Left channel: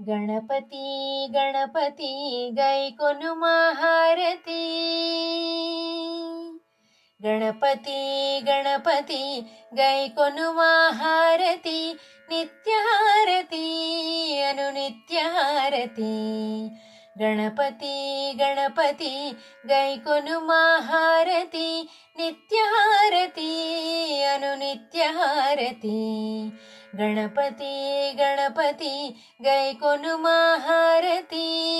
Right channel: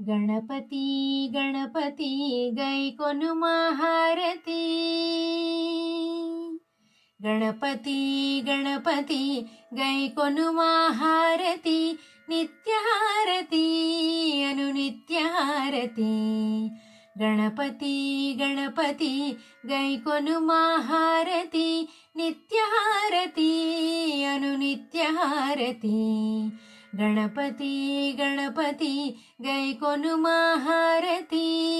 ಗಣಪತಿ ಗಣಪತಿ ಗೈಕೊನುಮ ಹಾರತಿ. ಗಣಪತಿ ಗಣಪತಿ ಗೈಕೊನುಮ ಹಾರತಿ. ನಿತ್ಯ ಹಾರತಿ ಅನುನಿತ್ಯ ಹಾರತಿ. ಗಣಪತಿ ಗಣಪತಿ ಗೈಕೊನುಮ ಹಾರತಿ. ನಿತ್ಯ ಹಾರತಿ ಅನುನಿತ್ಯ ಹಾರತಿ. ಗಣಪತಿ ಗಣಪತಿ ಗೈಕೊನುಮ ಹಾರತಿ.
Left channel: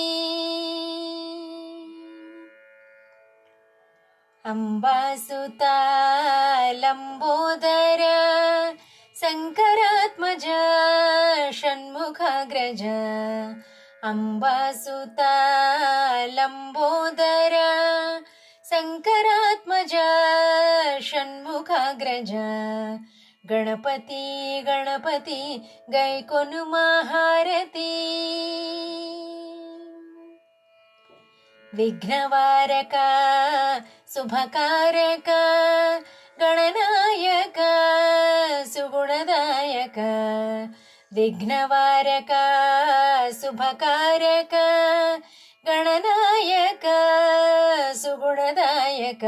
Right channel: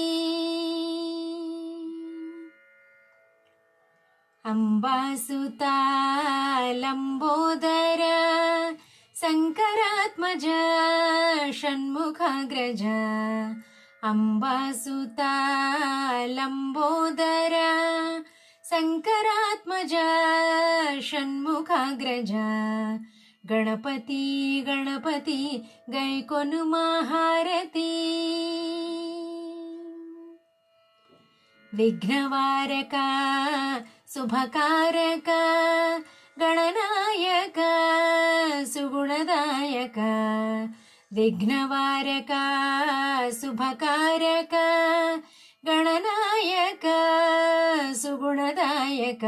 ಅಂಬಾಸುತ ಲಂಬೋದರ ಶಂಕರಾತ್ಮಜ ಷಣ್ಮುಖಾಗ್ರಜ. ಅಂಬಾಸುತ ಲಂಬೋದರ ಶಂಕರಾತ್ಮಜ ಷಣ್ಮುಖಾಗ್ರಜ. ಗಣಪತಿ ಗಣಪತಿ ಗೈಕೊನುಮ ಹಾರತಿ. ವಿಘ್ನವಾರಕ ಶುಭಕಾರಕ ಗಣನಾಯಕ ಸುಗುಣದಾಯಕ. ವಿಘ್ನವಾರಕ ಶುಭಕಾರಕ ಗಣನಾಯಕ ಸುಗುಣದಾಯಕ.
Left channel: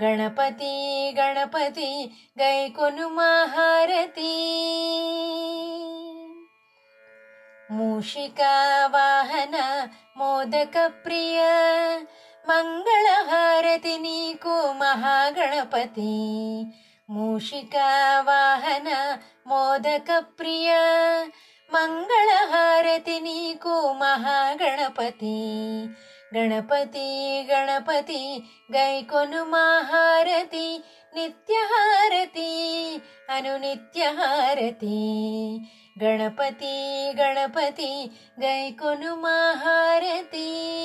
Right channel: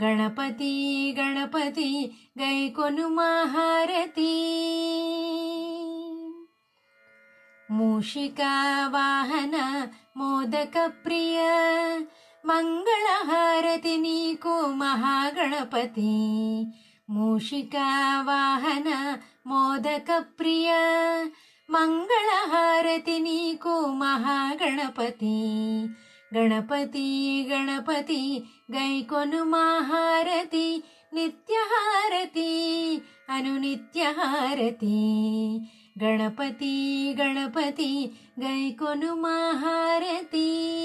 ಗಣಪತಿ ಗಣಪತಿ ಗೈಕೊನುಮ ಹಾರತಿ. ಮೂಷಿಕಾ ವಾಹನ ಮೋದಕ ಪ್ರಿಯ ಮಂಗಳ ಹಾರತಿ ನೀಕು ಮಹಾಗಣಪತಿ. ಮೂಷಿಕಾ ವಾಹನ ಮೋದಕ ಪ್ರಿಯ ಮಂಗಳ ಹಾರತಿ ನೀಕು ಮಹಾಗಣಪತಿ. ಗಣಪತಿ ಗಣಪತಿ ಗೈಕೊನುಮ ಹಾರತಿ. ನಿತ್ಯ ಹಾರತಿ ಅನುನಿತ್ಯ ಹಾರತಿ. ಗಣಪತಿ ಗಣಪತಿ ಗೈಕೊನುಮ ಹಾರತಿ.